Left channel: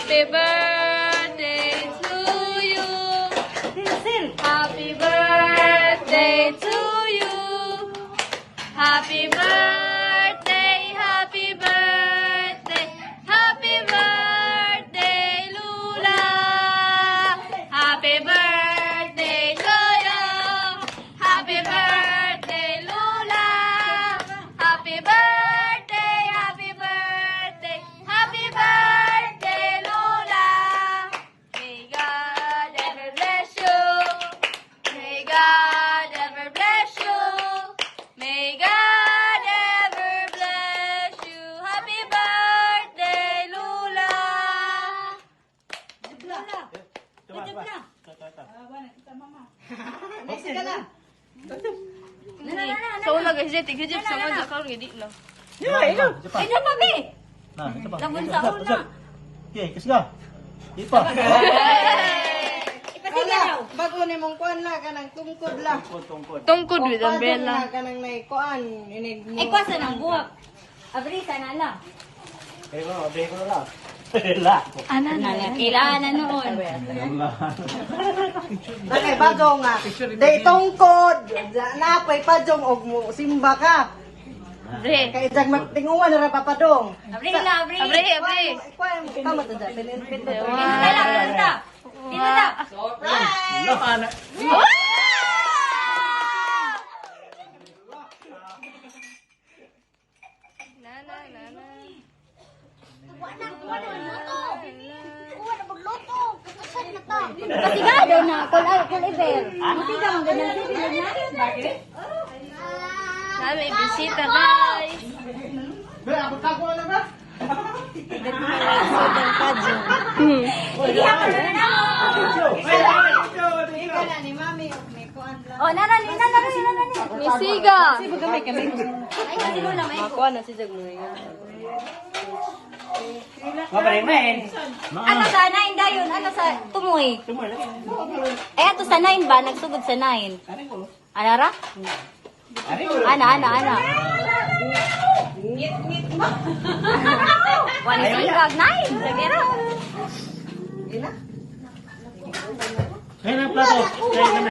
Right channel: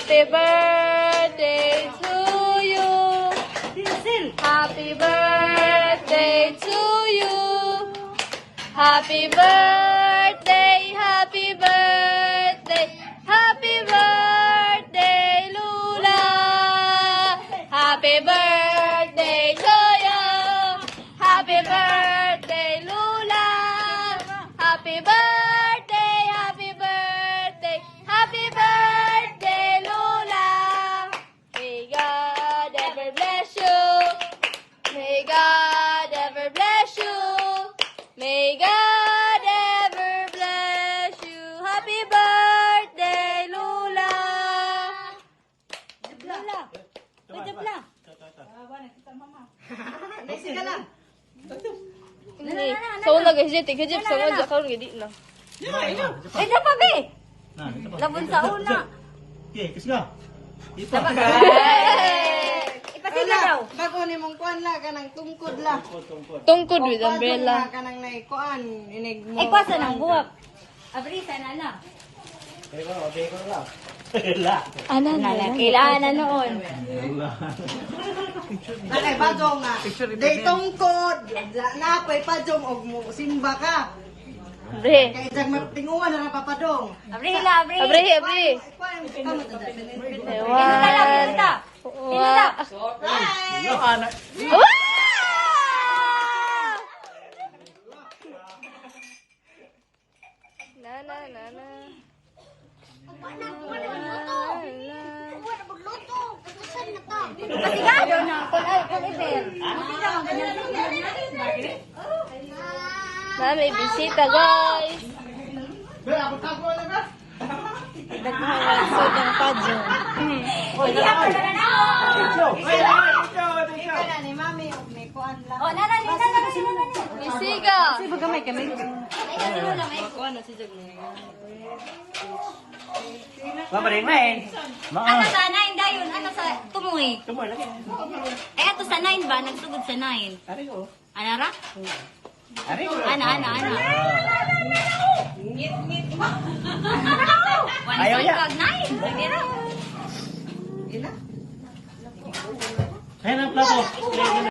Happy birthday to you. Happy birthday to you. Happy birthday, happy birthday, happy birthday, Lula. Happy birthday, Lula. Happy birthday, Lula. Happy birthday, happy birthday, happy birthday, Lula. May God ever bless you. May God ever bless you. May God ever bless you. Happy birthday, Lula. So una guys, tigajip sa mga jakaw gidi no. Sino pa be? Nah, ito pa. Nabunsa ko na. Okay, kasi ka. Ipa. Wala, bago ni mong kuan la kanang tungkod la. Tungkod with umbrella. Kanang nay kuan inig mo. Ikaw sa nabuhat. Abri sa nana. Eh, bro, abay ko lang. La. Ano na? Kailangan na noon. Bakay bago nga. Day tungkod. Napay padong og mo simba ka. Abri. Kay dag magtinguan na ra papadong. Abri na, abri. Abri, abri. Kuan mo ka matada. Pinipit na. Pasigado na. Kung ibel. Hindi ka mang ganyan. May bisita guys. Kana ni mami may kuan la. Oh, nana. May siga. Baga may kamay. Ay, kasi mo na may. Kuan na si Jagmel. Ano sa 9 dayon? Ano sa tumuhi? Eh, ato sa 9 ba? Nagsugod sa 9. Ano ra? Ana. One sipag 9. Pero. Kaya ng plato.